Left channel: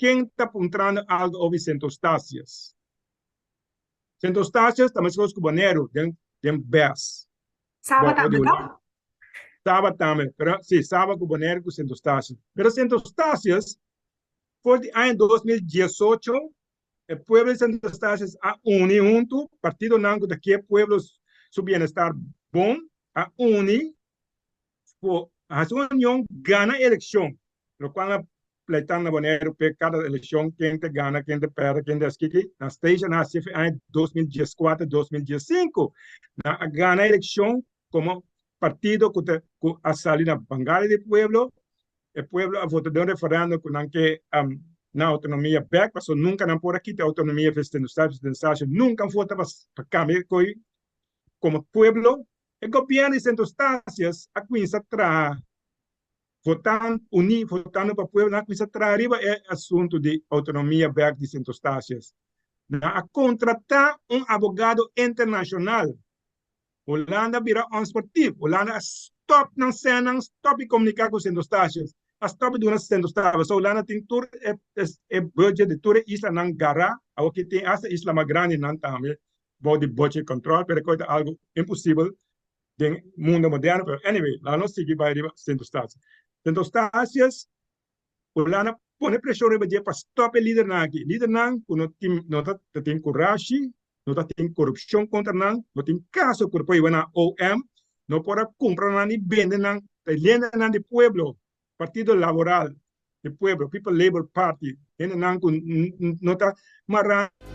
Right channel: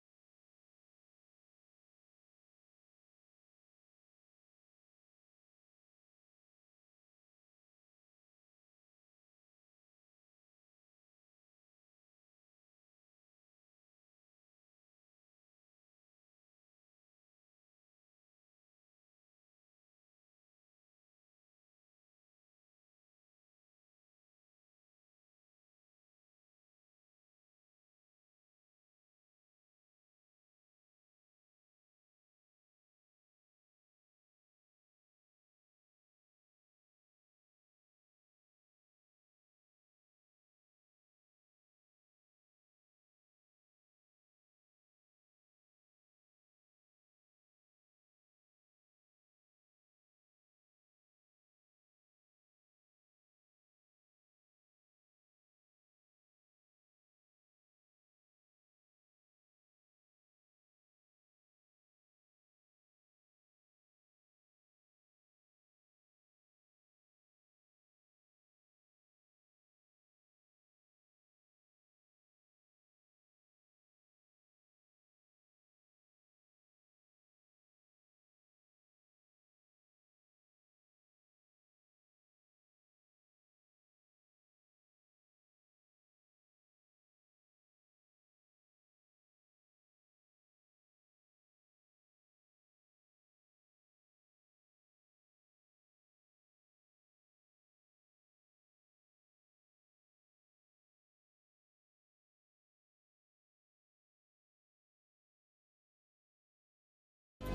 quem está apontando algo over St Eustatius. St Eustatius também se faz com Boneiro, tem bes. Saba também, tá? Saba também, pero sim, Saba com Boneiro com St Eustatius. Pero St Eustatius foi em 2018, o pueblo de St Eustatius a uni junto, partidonan daqui pueblos su bienestar bom, a uni, a sua união gana eleccion, lo qual pleitando Boneiro pe cada eleição quem te gana, quem te perde, quem te esaki, na station na CFA em 2014, 2015, na gana eleição como partido que a salir na bancada do pueblo, o pueblo a votar de referendum com que na autonomia back, mas nunca não por aqui a autonomia festejar, nunca vota para cambiar como pueblo, o governo de St Eustatius a quinta tra votando para o pueblo, na quinta tra arriba é assunto de autonomia back de St Eustatius. A contratar advogado internacional. Hulanda vira esportivo. Hulanda stop não cena, stop comunicar com St Eustatius. Stop de uma St Eustatius. So Hulanda tem tur budget de tur islanan gara, ao que tem essa isla mais grande não também, body budget control, pero coisa algo impossível no mundo moderno. Pero anyway, lá não sigue para St Eustatius. St Eustatius, Hulanda põe pressão para stop o líder aqui. Líder não tem coragem. No tem corrupção contra nós, no tem caso por apoio na OM, no pode comprar nem vender na lenda na de pueblo, Partido Laboral de Pueblo, People Labor Party, no está marrando